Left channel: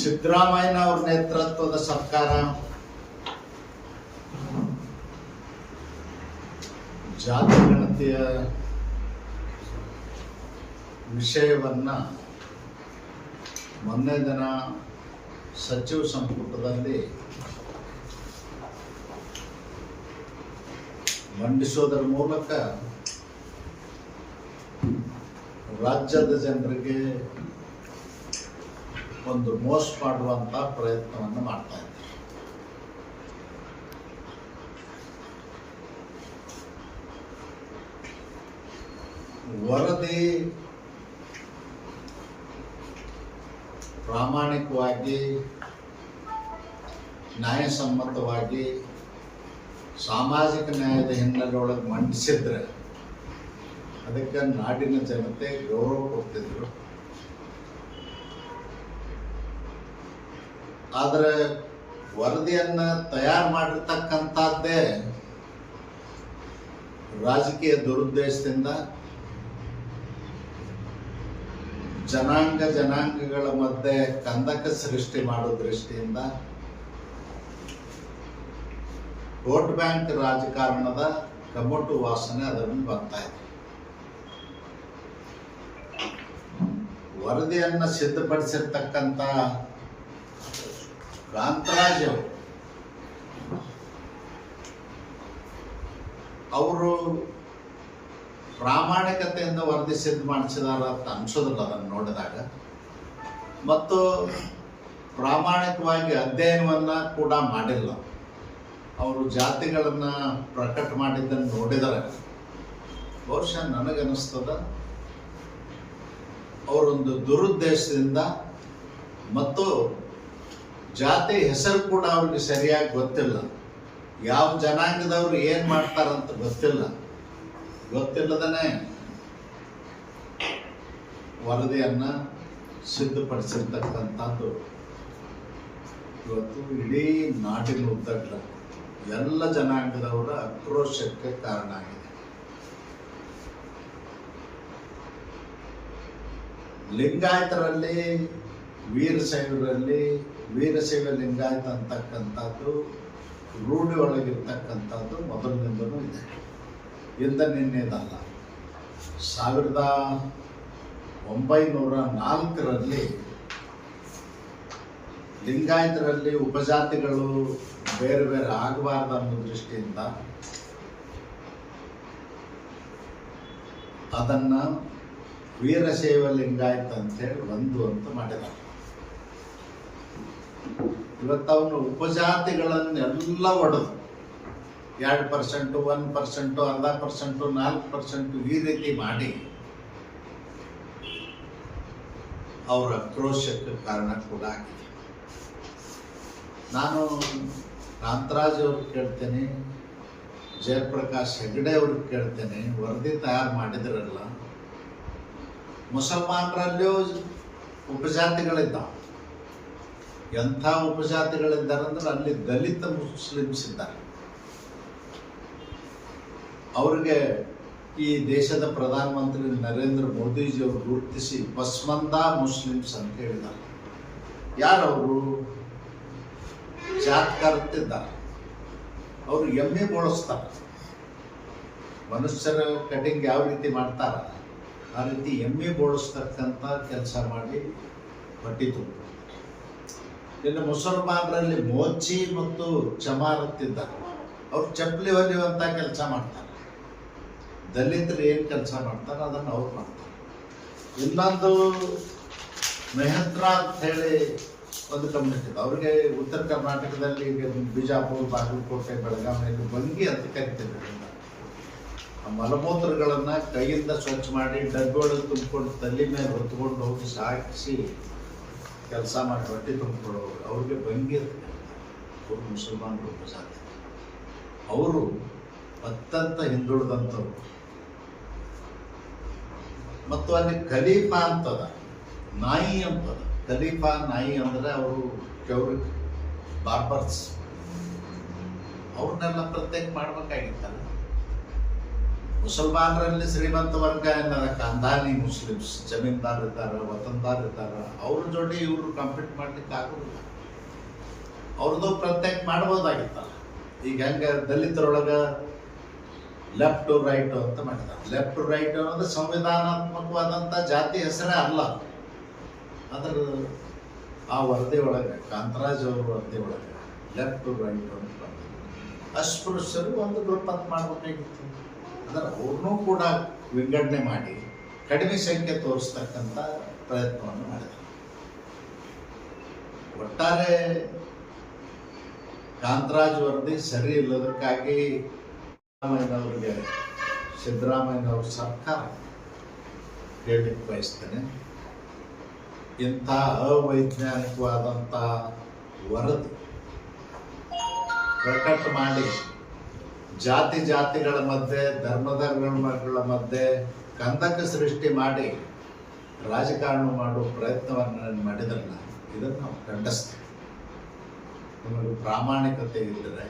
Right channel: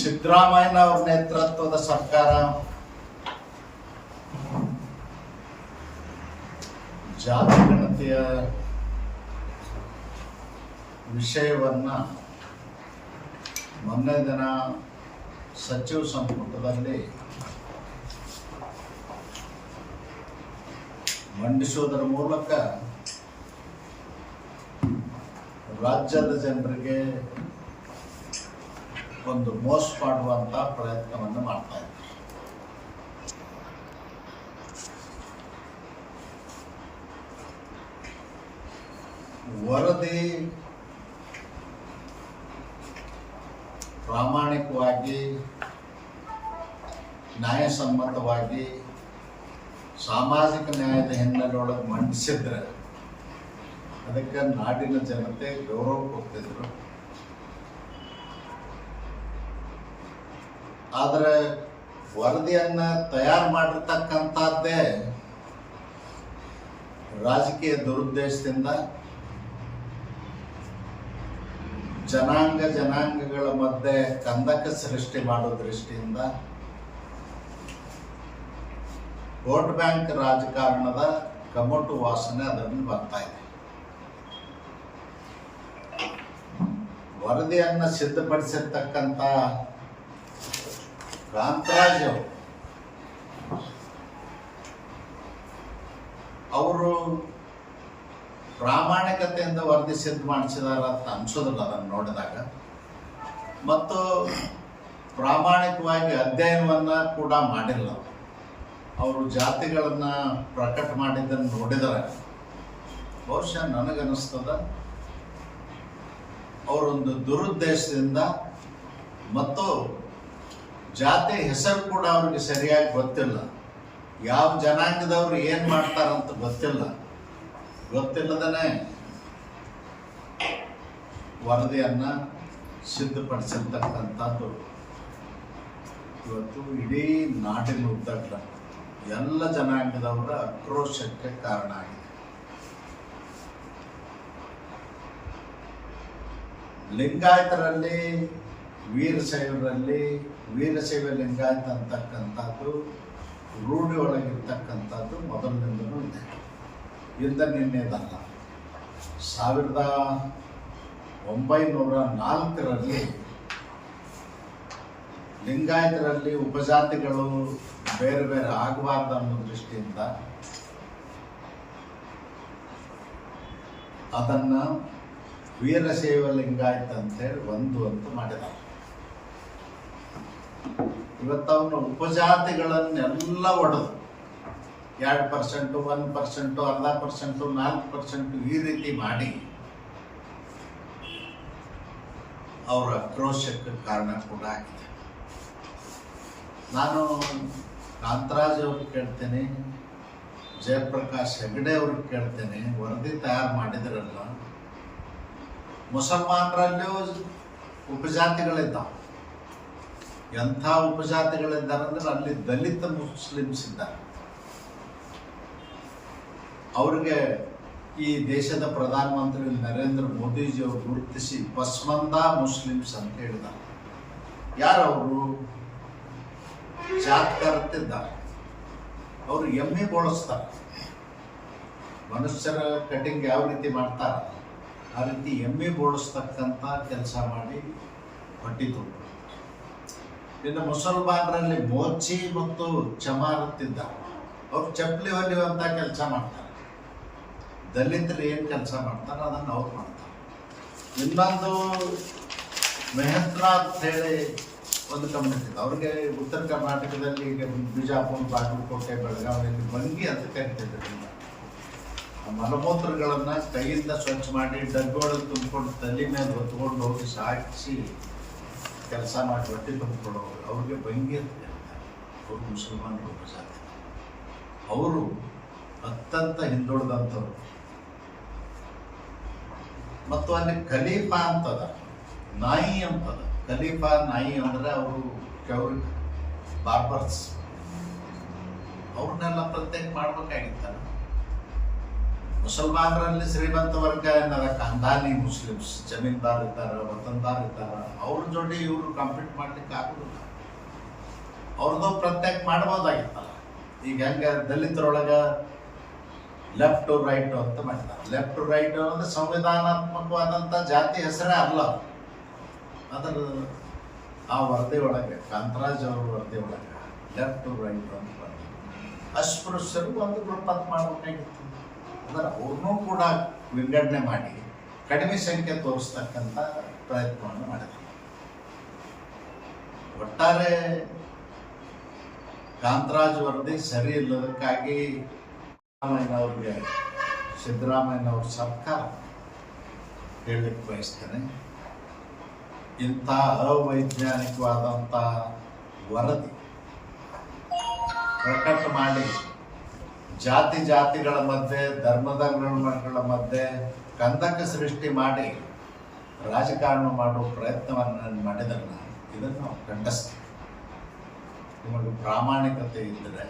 ಸಿದ್ದರಾಮಯ್ಯನವರ ನೇತೃತ್ವದ ಸರ್ಕಾರ ಜಾತಿ ಗಣತಿಯ ವಿಷಯವನ್ನ ಮೊನ್ನೆ ದಿನ ಸಚಿವ ಸಂಪುಟದಲ್ಲಿ ಮಂಡಿಸೋದರ ಮೂಲಕ ರಾಜ್ಯದ ಜನರಿಗೆ ಒಂದು ಮೋಸ ಮಾಡುವಂತ ಪ್ರಯತ್ನವನ್ನು ಮಾಡ್ತಾ ಇದ್ದಾರೆ. ವರದಿ ಪ್ರಾಮಾಣಿಕವಾಗಿ ನ್ಯಾಯಸಮ್ಮತವಾಗಿ ಸಾಮಾಜಿಕ ನ್ಯಾಯದ ಹಿನ್ನೆಲೆಯೊಳಗೆ ಮಂಡಿಸಿದ್ರೆ ಅದಕ್ಕೆ ನಾಡಿನ ಜನತೆ ಗೌರವ ಕೊಡ್ತಿದ್ರು. ಆದರೆ ವರದಿಯನ್ನ ತಯಾರು ಮಾಡಿರ್ತಕ್ಕಂಥದ್ದೇ ರಾಜಕೀಯ ದುರುದ್ದೇಶದಿಂದ ಜನಾಂಗಗಳ ಮಧ್ಯೆ ಕಂದಕ ಸೃಷ್ಟಿ ಮಾಡೋ ದೃಷ್ಟಿಯಿಂದ ವೋಟ್ ಬ್ಯಾಂಕ್ ರಾಜಕಾರಣದ ಕಮಟು ವಾಸನೆ ಅದರಲ್ಲಿ ಬರ್ತಾ ಇದೆ. ವರದಿಯನ್ನ ಸಿದ್ಧಪಡಿಸಿರ್ತಕ್ಕಂಥ ಕಾಂತರಾಜ್ ಅವರು ಪ್ರಾಮಾಣಿಕತೆಯಿಂದ ವರದಿ ಸಿದ್ಧ ಮಾಡಿಸಿದಾರ ಅಂತ ಅನ್ಸೋದಿಲ್ಲ ಅದನ್ನು ನೋಡಿದಾಗ. ಮತ್ತು ಪ್ರಾಮಾಣಿಕವಾಗಿ ಅಧ್ಯಯನವನ್ನ ಕೂಡ ಮಾಡಿಲ್ಲ. ಅವರು ಜಾತಿಗಳನ್ನ ಪ್ರಕಟ ಮಾಡಿದ್ದನ್ನು ನೋಡಿದರೆ ಬಹುಶಃ ನನಗನ್ನಿಸ್ತದ ಅವರೊಂದು ದುರುದ್ದೇಶದಿಂದ ಮತ್ತು ಜಾತಿ ಹೆಸರು ಕೂಡ ಅವ್ರಿಗೆ ಸರಿಯಾಗಿ ಗೊತ್ತಿಲ್ಲ. ಯಾವ ಜನಾಂಗದವ್ರು ಏನು ಮಾಡ್ತಾರಂತ ಗೊತ್ತಿಲ್ಲದನೇ ವರದಿಯನ್ನ ಸಿದ್ಧಪಡಿಸಿರ್ತಕ್ಕಂಥದ್ದು ಇವತ್ತು ಇಡೀ ನಾಡಿನ ಉದ್ದಗಲ ಎಲ್ಲ ಜನಾಂಗದವರ ಆಕ್ರೋಶಕ್ಕೆ ಕಾರಣ ಆಗಿದೆ. ಲಿಂಗಾಯತರಲ್ಲಿ ವೀರಶೈವ ಲಿಂಗಾಯತ ಅಂತಕ್ಕಂಥದ್ದು ರೂಢಿ ಒಳಗಿರ್ತಕ್ಕಂಥದ್ದು ಮೊದಲಿನಿಂದಲೂ ಇದೆ. ನಿನ್ನೆದಲ್ಲ. 1904ರಲ್ಲಿ ಲಿಂಗಾಯತರಲ್ಲಿ ಉಪಜಾತಿಗಳು ಬೇರೆ ಬೇರೆ ಆಗಬಾರ್ದು ಅನ್ನೋ ದೃಷ್ಟಿಯಿಂದ ಅದನ್ನ ವೀರಶೈವ ಲಿಂಗಾಯತ ಅಂತೇಳಿ ಅಂತ ಮಾಡಿದ್ದಾರೆ. ಇವತ್ತು ಅವನು ಉಪಜಾತಿಗಳನ್ನೆಲ್ಲ ಒಡೆದು 2%, 1%, 0.5%, 4% ಈ ರೀತಿ ಮಾಡಿ ಅವರ ಆಕ್ರೋಶಕ್ಕೆ ಕಾರಣ ಕೂಡ ಆಗಿದೆ. ನಾನು ಕಾಂತರಾಜ್ ಅವ್ರಿಗೆ ಕೇಳ್ತೇನೆ, ಜಯಪ್ರಕಾಶ್ ಹೆಗಡೆ ಅವ್ರಿಗೆ ಕೇಳ್ತೇನೆ, ವರದಿ ತಯಾರು ಮಾಡಿದ್ರಲ್ಲ, ಮುಸಲ್ಮಾನರಲ್ಲಿಯೂ ಉಪಜಾತಿಗಳಿದ್ದಾವೆ. ಎಂಥ ಉಪಜಾತಿಗಳಿದ್ದಾರೆ ಅಂದ್ರೆ ಅಲ್ಲಿ ದಲಿತ ಮುಸ್ಲಿಮ್ಸ್ ಇದ್ದಾರೆ. ಅವ್ರಿಗೆ ಈ ದೇಶದ ಪ್ರಧಾನಮಂತ್ರಿ ನರೇಂದ್ರ ಮೋದಿಜಿ ಅವರು ಗುರುತಿಸಿ ಪಸ್ಮಂದಾ ಮುಸ್ಲಿಮ್ಸ್ ಅಂತ ಹೇಳಿದ್ದಾರೆ. ಯಾರವರು? ಜಾತ್ಕಾರತ್ತಿದ್ದಾರೆ. ಅವರು ಎಮ್ಮೆ ಬೋಳಿಸ್ತಾರೆ. ಮನುಷ್ಯರ ಕಟಿಂಗ್ ಯಾವ ರೀತಿ ಮಾಡ್ತಾರ ಆ ರೀತಿ ಎಮ್ಮೆ ಬೋಳಿಸ್ತಕ್ಕಂಥ ಕೆಲಸ ಮಾಡಿ ಹೊಟ್ಟಿ ತುಂಬ. ಇನ್ನು ಮುಸಲ್ಮಾನರಲ್ಲಿ ಮೋಚಿ ಮತ್ತು ಚಮಾರತ್ತಿದ್ದಾರೆ. ಅವ್ರು ಚಪ್ಪಲಿ ಹೊಲಿಯುವಂಥ ಕೆಲಸ ಮಾಡ್ತಾರೆ. ದಲಿತರು ಏನು ಕೆಲಸ ಮಾಡ್ತಾರೆ ಅದನ್ನು ಅವ್ರು ಮಾಡ್ತಾರೆ. ಇನ್ನೊಂದು ಮೆಹತ್ರಾ ಅಂತ ಹೇಳಿ ಒಂದು ಕಮ್ಯುನಿಟಿ ಇದೆ. ಅವ್ರಿಗೆ ಉತ್ತರ ಕರ್ನಾಟಕದಲ್ಲಿ ಬಿಜಾಪುರ, ಬಾಗಲಕೋಟೆ, ಬೆಳಗಾವಿಯಲ್ಲಿ ಬಂಗಿ ಅಂತ ಕರಿತಿದ್ರು. ಮಲಮೂತ್ರಗಳನ್ನು ಕೈಯಿಂದ ಸ್ವಚ್ಛ ಮಾಡಿ ಡಬ್ಬಿಯೊಳಗೆ ತುಂಬಿಕೊಂಡು ತಲೆ ಮೇಲೆ ಹೊತ್ಕೊಂಡು ಹೋಗಿ ಸಾಕಿಸಿ ಕೆಲಸ ಮಾಡಿ ಹೊಟ್ಟೆ ತುಂಬಿಕೊಳ್ಳೋರು ಅವ್ರಿಗೆ ಬಂಗಿ ಅಂತ ಕರೀತಾರೆ. ಅವರು ಮುಸಲ್ಮಾನರು ಉಪಜಾತಿ. ಅವರು ಅತ್ಯಂತ ಹಿಂದುಳಿದಂಥವ್ರು. ಮತ್ತು ಅಲ್ಲಿ ಖಲೀಫಾ ಅಂತದ, ನಾಯಿ ಅಂತದ. ಖಲೀಫಾ ನಾಯಿ ಅಂದ್ರೆ ಅವರು ಚೌರಿಕ್ ಬಾರ್ಬರ್ಸ್. ಅವ್ರನ್ನೆಲ್ಲ ಪ್ರತ್ಯೇಕ ಮಾಡ್ಬೇಕಾಗಿತ್ತಲ್ಲ. ಮುಸಲ್ಮಾನರಲ್ಲಿ ಶ್ರೀಮಂತ ವರ್ಗ ಏನದ ಕಂದಾನಿ ಮುಸ್ಲಿಮ್ಸ್, ಜಮೀನ್ದಾರ್ ಇದ್ದಾರೆ, ವತನ್ದಾರ್ ಇದ್ದಾರೆ, ಅವ್ರ ಜೋಡಿ ಇವರು ಕಂಪೀಟ್ ಮಾಡ್ಲಿಕ್ಕೆ ಆಗೋದಿಲ್ಲ. ಅವ್ರದ್ದು ಪ್ರತ್ಯೇಕ ಮಾಡ್ಬೋದಾಗಿತ್ತಲ್ಲ. ಈಗ ಹೆಂಗೆ ದಲಿತರೊಳಗೆ ಲೆಫ್ಟ್ ಟು ರೈಟ್ ಅಂತ ಮಾಡಿದ್ದಾರೆ. ಲೆಫ್ಟ್ ಟು ರೈಟ್ ಅನ್ನೋದು ಸಂವಿಧಾನಾತ್ಮಕವಾದಂಥ ಜಾತಿ ಹೆಸರೇ ಅಲ್ಲ. ಅದರ ಆ ವರದಿ ಒಳಗೆ, ಕಾಂತರಾಜ್ ಅವ್ರ ವರದಿ ಒಳಗೆ ಲೆಫ್ಟ್ ಟು ರೈಟ್ ಅಂತ ಬಂದಿದೆ. ಅಸ್ಪೃಶ್ಯರು ಒಂದು ಗ್ರೂಪ್ ಅಂತ ಮಾಡಬೇಕಾಗಿತ್ತು. ಅದರ ಅವ್ರನ್ನೂ ಕೂಡ ವಿಂಗಡಣೆ ಮಾಡಿ ಕಡಿಮೆ ಸಂಖ್ಯೆ ತೋರಿಸ್ತಕ್ಕಂಥ ಪ್ರಯತ್ನವನ್ನು ಮಾಡಿದರು. ಒಟ್ಟಾರೆ ಕಾಂತರಾಜ್ ವರದಿ ಸರಿ ಇಲ್ಲದಕ್ಕಾಗಿ ಸಿದ್ದರಾಮಯ್ಯನವ್ರ ಸರ್ಕಾರ ಹೇಳಲಿಕ್ಕೆ ಬಯಸ್ತೇನೆ, ಇಂಥ ಅವೈಜ್ಞಾನಿಕವಾದಂಥ ವರದಿ ಪ್ರಕಟ ಮಾಡಿ ಜಾತಿಗಳ ಮಧ್ಯೆ, ಧರ್ಮಗಳ ಮಧ್ಯೆ ಕಂದಕ ಸೃಷ್ಟಿ ಮಾಡಿ ರಾಜಕಾರಣ ಮಾಡುವ ಪ್ರಯತ್ನವನ್ನು ಮಾಡಿದ್ರನ್ನ ಇದನ್ನು ನಾವು ಖಂಡಿಸ್ತೀವಿ. ನಿಮಗೆ ಪ್ರಾಮಾಣಿಕತೆ ಇದ್ದರೆ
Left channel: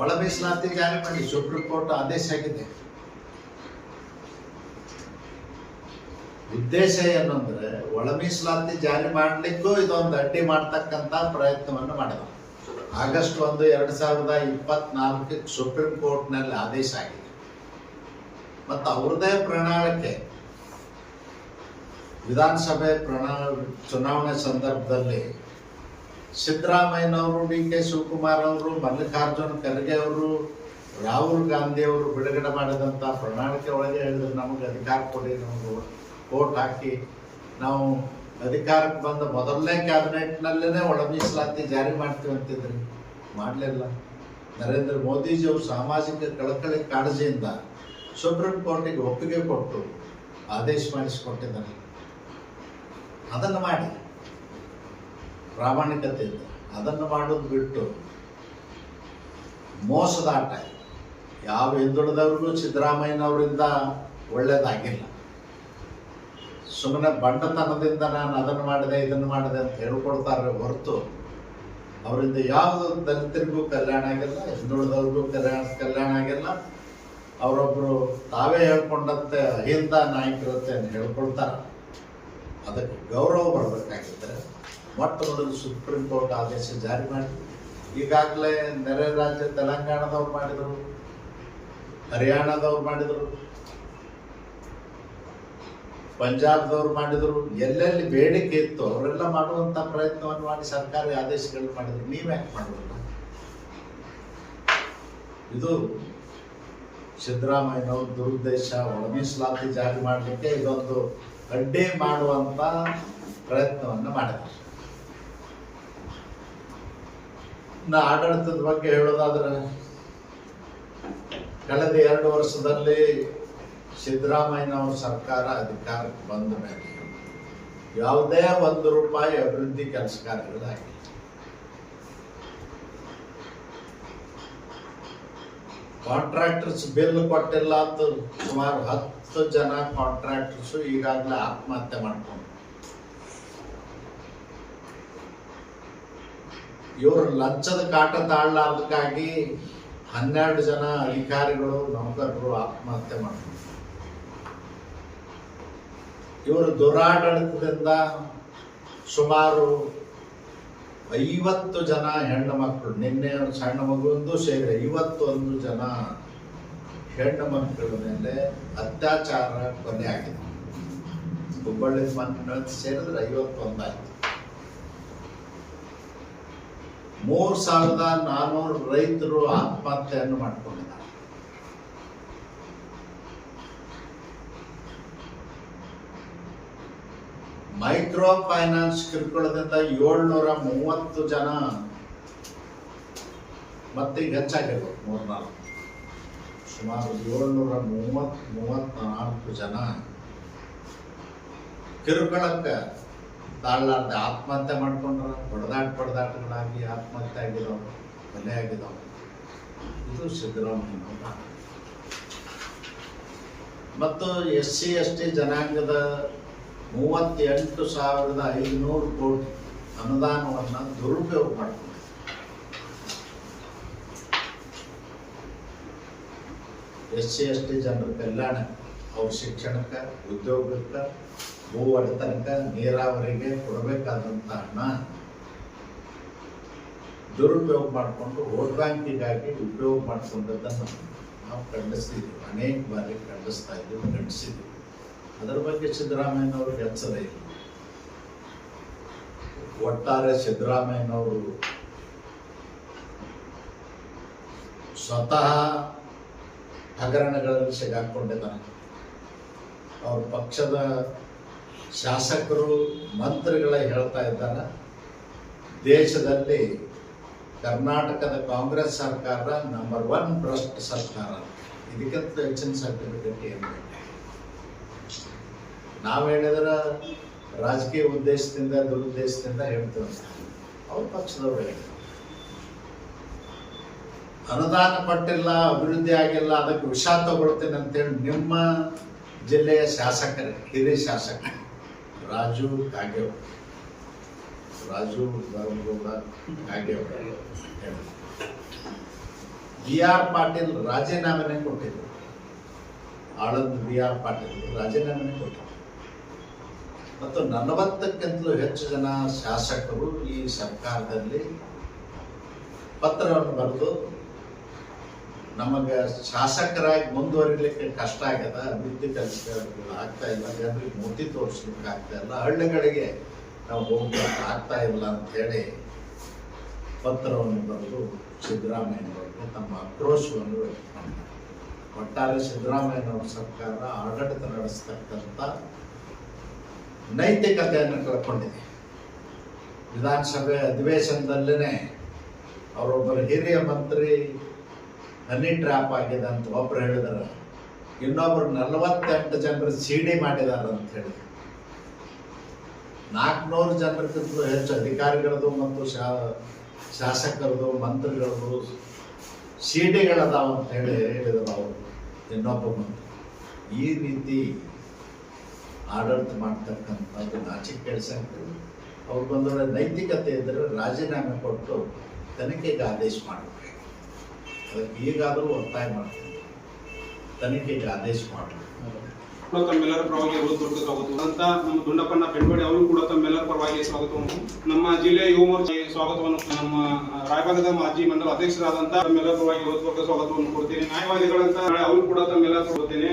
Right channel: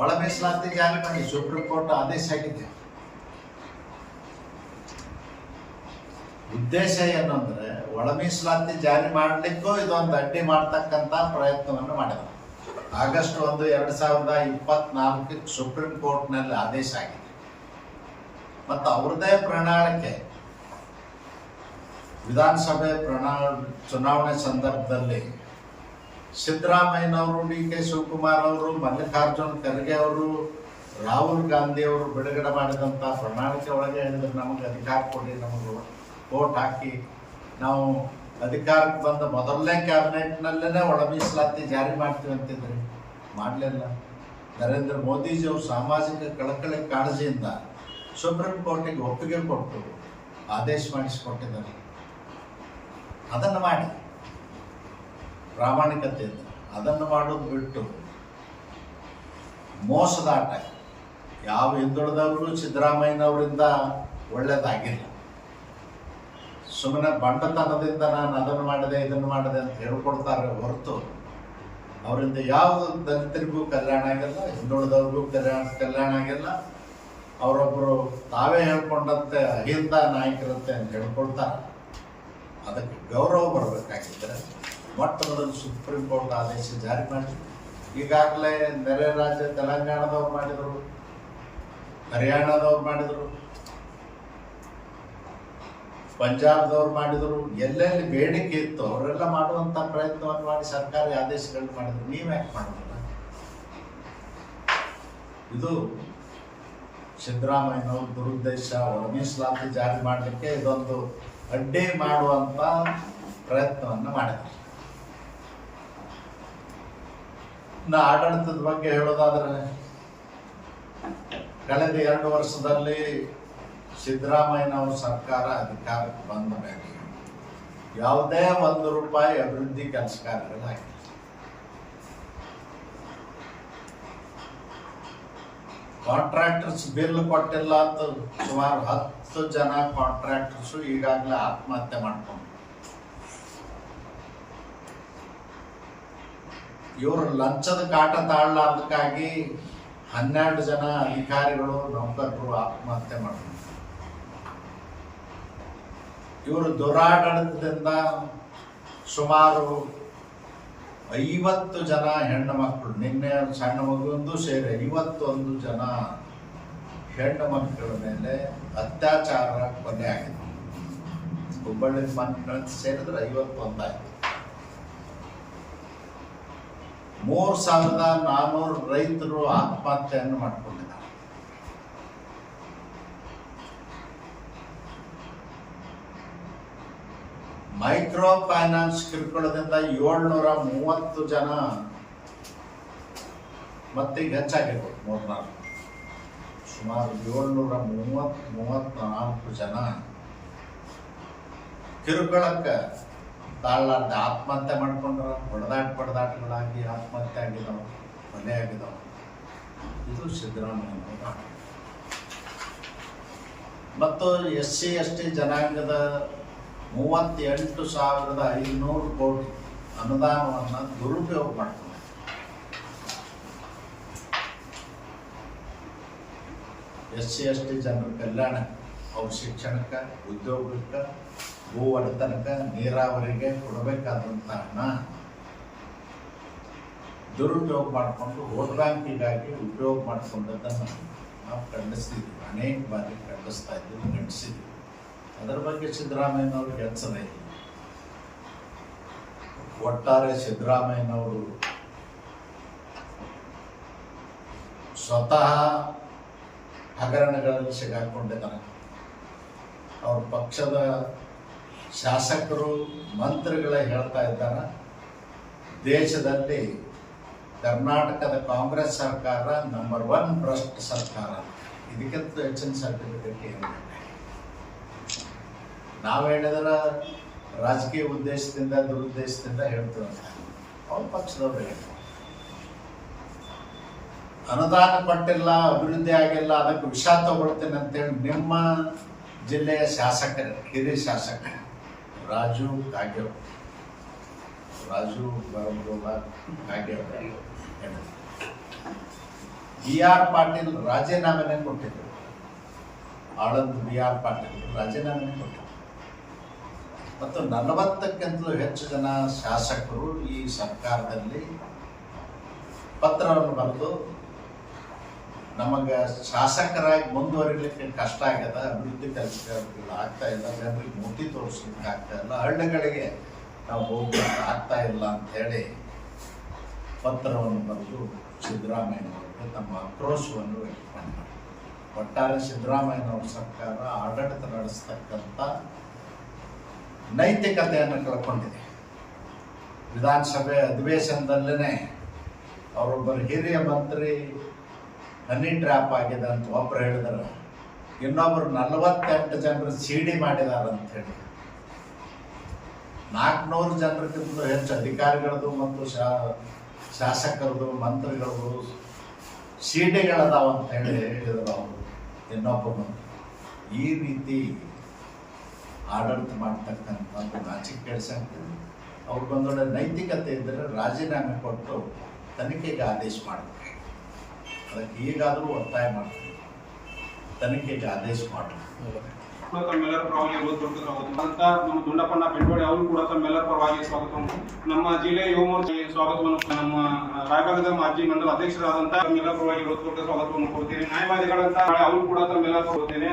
ಒಳ ಮೀಸಲಾತಿ ಜಾರಿ ಮಾಡಿ. ಸುಪ್ರೀಂ ಕೋರ್ಟ್ ಆದೇಶ ಆಗಿದೆ. ಉದ್ದೇಶ ಏನಂದ್ರೆ ಒಳ ಮೀಸಲಾತಿ ಜಾರಿ ಮಾಡಲಿಕ್ಕೂ ಇದೊಂದು ಅಡ್ಡಿ ಮಾಡ್ತಕ್ಕಂಥ ಪ್ರಯತ್ನವನ್ನು ಮಾಡಿದರು. ಆಗಸ್ಟ್ 1, 2024 ಸುಪ್ರೀಂ ಕೋರ್ಟ್ನಲ್ಲಿ ಆದೇಶ ಆಗಿದೆ. ಮತ್ತು ಅವ್ರದೇ ಪ್ರಣಾಳಿಕೆ ವಿಧಾನಸಭೆ ಚುನಾವಣೆ ಸಂದರ್ಭದಲ್ಲಿ ಸಿದ್ದರಾಮಯ್ಯನವರು, ಡಿ.ಕೆ. ಶಿವಕುಮಾರ್ ಅವರು, ಮಲ್ಲಿಕಾರ್ಜುನ್ ಖರ್ಗೆ ಅವರು, ರಾಹುಲ್ ಗಾಂಧಿ ಅವರು ಬಿಡುಗಡೆ ಮಾಡಿದಂಥ ಪ್ರಣಾಳಿಕೆ ಒಳಗೆ ಹೇಳಿದ್ರೆ ನಮಗೆ ಅಧಿಕಾರ ಕೊಡಿ, ನಮಗೆ ವೋಟ್ ಹಾಕಿ ನಾವು ಅಧಿಕಾರಕ್ಕೆ ಬಂದ ಮೊದಲನೇ ಕ್ಯಾಬಿನೆಟ್ನಲ್ಲೇ ಒಳ ಮೀಸಲಾತಿ ಜಾರಿ ಮಾಡ್ತೀವಿ ಅಂತಿದ್ರಿ. ಮಾಡಲಿಲ್ಲ. ನರೇಂದ್ರ ಮೋದಿಜಿಯವರು ಸಾಮಾಜಿಕ ಕಳಕಳಿ ಕಾಳಜಿಯಿಂದ ಸುಪ್ರೀಂ ಕೋರ್ಟಿಗೆ ಒಪ್ಪಿಗೆ ಕೊಟ್ಟು ಆದೇಶ ಮಾಡಿಸಿಕೊಟ್ಟಿದ್ದಾರೆ. ಅದನ್ನು ಮಾಡಿ ಪ್ರಾಮಾಣಿಕತೆಯಿಂದ ಅದನ್ನು ಮಾಡೋದು ಬಿಟ್ಟು ಮೋಸದಾಟ ಯಾವ ಹಿಂದುಳಿದವ್ರಿಗೂ ಸಿದ್ದರಾಮಯ್ಯನವರಿಂದ ಒಳ್ಳೆಯದಾಗಿಲ್ಲ. ಸುಮ್ಮನೆ ಬಂಡತನದಿಂದ ನಾನು ಅದನ್ನು ಮಾಡಿದೆ ಇದನ್ನು ಮಾಡಿದೆ ಅಂತ ಹೇಳ್ಕೊಡ್ತಾರೆ ಹೊರತು ಅವರಿಂದ ಯಾವುದು ದಲಿತರಿಗೂ ಕಲ್ಯಾಣ ಆಗಿಲ್ಲ, ಹಿಂದುಳಿದವ್ರಿಗೂ ಕಲ್ಯಾಣ ಆಗಿಲ್ಲ. ಅವರೊಬ್ಬರು ತಾವೇ ಹೇಳ್ಕೊಂಡಂತೆ ಅಹಿಂದ ನಾಯಕರಂತೆ ಅಂತ ಹೇಳ್ಕೊಳ್ತಾರೆ. ಅದಕ್ಕೆ ಗೌರವ ಬರಬೇಕಾಗಿದ್ದರೆ ಮೊಟ್ಟ ಮೊದಲು ಸುಪ್ರೀಂ ಕೋರ್ಟ್ ಆದೇಶ ಜಾರಿ ಮಾಡಿ. ಈಗಾಗಲೇ ನೆರೆ ರಾಜ್ಯ ತೆಲಂಗಾಣದವ್ರು ಮಾಡಿದರು, ಹರಿಯಾಣದವ್ರು ಮಾಡಿದರು, ಪಂಜಾಬ್ದವ್ರು ಮಾಡಿದರು. ಎಲ್ಲೆಲ್ಲಿ ಬೇಡಿಕೆ ಇತ್ತು ಅವರೆಲ್ಲ ಮಾಡುವಂಥ ಪ್ರಯತ್ನವನ್ನು ಮಾಡಿ ಸರ್ಕಾರಿ ಆದೇಶಗಳನ್ನು ಮಾಡಿದರು. ನೀವು ಯಾಕೆ ಮಾಡೋದಿಲ್ಲ? ಇದು ಸಿದ್ದರಾಮಯ್ಯನವ್ರ ದುರುದ್ದೇಶ. ಒಳ ಮೀಸಲಾತಿ ಜಾರಿ ಮಾಡಲಿಕ್ಕೆ ಇದೊಂದು ಅಡ್ಡಿ ಮಾಡುವಂಥ ಪ್ರಯತ್ನವನ್ನು ಮಾಡಿದರು. ಆಡಳಿತದ ಬಗ್ಗೆ ಹೇಳೋದಾದ್ರೆ ಕಳೆದ 2 ವರ್ಷದಲ್ಲಿ ಸಿದ್ದರಾಮಯ್ಯನವ್ರ ಸರ್ಕಾರ ಅಧಿಕಾರಕ್ಕೆ ಬಂದ ಮೇಲೆ ಯಾವುದೇ ₹1 ಅಭಿವೃದ್ಧಿ ಕೆಲಸ ಕಾರ್ಯಗಳಾಗಿಲ್ಲ. ಕಾಂಟ್ರಾಕ್ಟರ್ಸ್ ಬಿಲ್ ಕೊಟ್ಟಿಲ್ಲ ಅಂತ ಸುಮಾರು 10 ಜನ ಕಾಂಟ್ರಾಕ್ಟರ್ಸು ಈಗಾಗಲೇ ಆತ್ಮಹತ್ಯೆ ಮಾಡ್ಕೊಂಡು ಇವರು ಲಂಚದ ಕಾಟ ತಾಳಲಾರ್ದಕ್ಕಾಗಿ 12 ಜನ ಅಧಿಕಾರಿಗಳು, ನೌಕರರು ಆತ್ಮಹತ್ಯೆ ಮಾಡ್ಕೊಂಡು ಇವರು ದುರಾಡಳಿತದಿಂದ ಸುಮಾರು 50 ಜನ ಹೆಣ್ಣು ಮಕ್ಕಳು, ನಿನ್ನೆ ಸಣ್ಣ ಮಗುವೊಂದು ಸೇರಿ 51 ಜನ ಹೆಣ್ಣು ಮಕ್ಕಳ ಮೇಲೆ ಅತ್ಯಾಚಾರ ಕೊಲೆ ಆಗಿದೆ. ಹುಬ್ಬಳ್ಳಿ ಸೇರಿದ್ರೆ 51 ಆಯ್ತು. 3400 ರೈತರು ಆತ್ಮಹತ್ಯೆಯನ್ನು ಮಾಡಿಕೊಂಡಿದ್ದಾರೆ. ಮೈಕ್ರೋ ಫೈನಾನ್ಸ್ ಕಿರುಕುಳದಿಂದ 730 ಜನ, ಮತ್ತೀಗ ಹೆಚ್ಚಾಗಿರ್ಬೋದು 3-4, ಸುಮಾರು 734 ಜನ ಕಿರುಕುಳಕ್ಕೆ ತಾಳಲಾರ್ದೆ ಆತ್ಮಹತ್ಯೆ ಮಾಡ್ಕೊಂಡ್ರ. ಹೊಡೆದಾಟಗಳಾಗಿ ಆತ್ಮಹತ್ಯೆ ಆಗಿದಾವೆ, ಕೊಲೆ ಆಗಿದಾವೆ. ಇದು ಸಿದ್ದರಾಮಯ್ಯನವರ. ಮತ್ತು SC/ST ಜನಾಂಗದ 38,500 ಕೋಟಿ ಅನುದಾನವನ್ನು ದುರುಪಯೋಗ ಮಾಡಿಕೊಂಡಿದೆ. SC/ST ಜನರ ಕಲ್ಯಾಣಕ್ಕೆ, ಅವ್ರ ಶಿಕ್ಷಣಕ್ಕೆ, ಉದ್ಯೋಗಕ್ಕೆ, ಭೂ ಒಡೆತನಕ್ಕೆ, ನೀರಾವರಿಗೆ ಕೊಡಬೇಕಾದಂಥ ಹಣ ದುರುಪಯೋಗ ಮಾಡಿಕೊಂಡು ವೋಟ್ ಬ್ಯಾಂಕಿಗಾಗಿ ಉಪಯೋಗ ಮಾಡಿಕೊಂಡದ್ದನ್ನು ನಾವು ಖಂಡಿಸ್ತಿದ್ವಿ, ಅನೇಕ ಬಾರಿ ಖಂಡಿಸ್ತಾ ಇದ್ದೀವಿ, ಖಂಡಿಸಿದ್ವಿ. ಅದರ ಬಗ್ಗೆ ಸಿದ್ದರಾಮಯ್ಯನವ್ರಿಗೆ ಎಚ್ಚರ ಇಲ್ಲ. ಒಟ್ಟಾರೆ ಸಿದ್ದರಾಮಯ್ಯನವರು ಸ್ವತಃ ಹಗರಣಗಳಲ್ಲಿ ಸಿಗಾಕೊಂಡಿದ್ದಾನೆ. ಅವ್ರ ಪಕ್ಷದ ಶಾಸಕರು, ಮಂತ್ರಿಗಳೇ ಹೇಳ್ತಾ ಇದ್ದಾರೆ, ದೇಶದಲ್ಲಿ ಕರ್ನಾಟಕದ ಕಾಂಗ್ರೆಸ್ ಸರ್ಕಾರ ನಂಬರ್ 1 ಭ್ರಷ್ಟ ಸರ್ಕಾರ. ಇದಕ್ಕಿಂತ ಹೆಚ್ಚಿನ ಸರ್ಟಿಫಿಕೇಟ್ ಏನು ಬೇಡ. ನಾವು ಹೇಳಿದ್ರೆ ರಾಜಕೀಯ ಉದ್ದೇಶದಿಂದ, ದುರುದ್ದೇಶದಿಂದ ಹೇಳ್ತೀವಂತ. ಅವ್ರ ಪಕ್ಷದವ್ರು ಹೇಳಿ ಅನುದಾನ ಕೊಟ್ಟಿಲ್ಲ, ಅಭಿವೃದ್ಧಿ ಆಗಿಲ್ಲ, ಅದಕ್ಕೆ ವಿಷ ತಗೊಳ್ತೇನೆ ಅಂತೇಳಿ ನಿಮ್ಮ ಜಿಲ್ಲೆಯ ಶಾಸಕರು, ಹಿರಿಯ ಶಾಸಕ ರಾಜು ಕಾಗೇವ್ ಹೇಳಿ, BR ಪಾಟೀಲ್ ರಾಜೀನಾಮೆನೇ ಕೊಟ್ಟಿದ್ರು. ಆಳಂದ್ BR ಪಾಟೀಲ್ ರಾಜೀನಾಮೆನೇ ಕೊಟ್ಟಿದ್ರು. ಮತ್ತು 40ಕ್ಕಿಂತಲೂ ಹೆಚ್ಚು ಜನ ಶಾಸಕರು ಈ ಸರ್ಕಾರದಲ್ಲಿ ಪತ್ರವನ್ನು ಬರೆದು ನಮಗೆ ಶಾಸಕರಾಗಿ ಮುಂದುವರಿಲಿಕ್ಕೆ ಕಷ್ಟ ಆಗ್ಯದ, ಅಭಿವೃದ್ಧಿ ಕೆಲಸಗಳು ಆಗ್ತಾ ಇಲ್ಲ, ಜನರಿಗೆ ಮೂರ್ತಿ ತೋರಿಸ್ಲಿಕ್ಕೆ ಆಗ್ತಾ ಇಲ್ಲ, ಹಳ್ಳಿಗಳಿಗೆ ನಾವು ಹೋಗ್ಲಿಕ್ಕೆ ಆಗ್ತಾ ಇಲ್ಲ ಅಂಥೇಳಿ ಪತ್ರವನ್ನು ಬರೆದು ಸಿದ್ದರಾಮಯ್ಯನವರಿಗೆ ತಮ್ಮ ಆಕ್ರೋಶವನ್ನು ವ್ಯಕ್ತಪಡಿಸಿದ್ದಾರೆ. ಒಟ್ಟಾರೆ ಸಿದ್ದರಾಮಯ್ಯನವ್ರ ಸರ್ಕಾರ ಆಡಳಿತ ನಡೆಸ್ತಕ್ಕಂಥ ನೈತಿಕತೆಯನ್ನು ಕಳ್ಕೊಂಡಿದೆ. ವಿಧಾನಸಭೆ ಅಧಿವೇಶನದಲ್ಲೇ ಅವರೊಬ್ಬರು ಹಿರಿಯ ಮಂತ್ರಿ ಹನಿ ಟ್ರ್ಯಾಪ್ ಆಗಿದೆ ಅಂತ ಒಬ್ಬರು ಹೇಳಿದಾರೆ, ಇನ್ನೊಬ್ಬರು 48 ಜನರು CD ಮಾಡಿದ್ದಾರೆ ಅಂತ ಹೇಳಿ. 400 ಜನರಿಗಿಂತಲೂ ಹೆಚ್ಚು ಅಧಿಕಾರಿಗಳದು ಮತ್ತು ಶಾಸಕರದು, ಮಂತ್ರಿಗಳದು CD-ಗಳದಾವ ಅಂತ ಹೇಳಿದರು ಅವರು, ಇನ್ನೊಬ್ಬ ಮಂತ್ರಿ. ಈ ರೀತಿ ಆಡಳಿತ ಮಾಡ್ತಕ್ಕಂಥದ್ದು ನಾಚಿಕೆ ಕೆಡಿಸಂತೇಳಿ ಅವ್ರಿಗೊಂದೊಳ್ಳೆ ನೈತಿಕತೆ ಇದ್ದರೆ ರಾಜೀನಾಮೆ ಕೊಟ್ಟು ತನಿಖೆಗೆ ಆದೇಶ ಮಾಡಬೇಕು. ಅದಕ್ಕೆ ಈಗಾದರೂ ಒತ್ತಾಯ ಮಾಡ್ತೀವಿ, ತನಿಖೆಗೆ ಆದೇಶ ಮಾಡಬೇಕು. ತಮ್ಮೆಲ್ಲರ ಪರವಾಗಿ ಸ್ವಾಗತ ಅಂತ ನಮ್ಮ ದುಂಡಪ್ಪನ ಬೆಳವಡಿ ಅವರು ಕೂಡ ತಮ್ಮೆಲ್ಲರ ಪರವಾಗಿ ಸ್ವಾಗತವನ್ನು, ನಮ್ಮ ಜಿಲ್ಲೆಯ ಯುವ ಮೋರ್ಚಾ ಸ್ವಾಗತವನ್ನು, ನಮ್ಮ ರಾಯಭಾಗದ ಮಾಜಿ ಮಂಡಲ ಅಧ್ಯಕ್ಷರಾದಂತಹ ತಮ್ಮೆಲ್ಲರ ಪರವಾಗಿ ಸ್ವಾಗತವನ್ನು ಕೊಡ್ತೇನೆ. ನ್ಯಾಯವಾದಿಗಳಂತ ಅವರು ಕೂಡ ತಮ್ಮೆಲ್ಲರ ಕೊಡ್ತೇನೆ.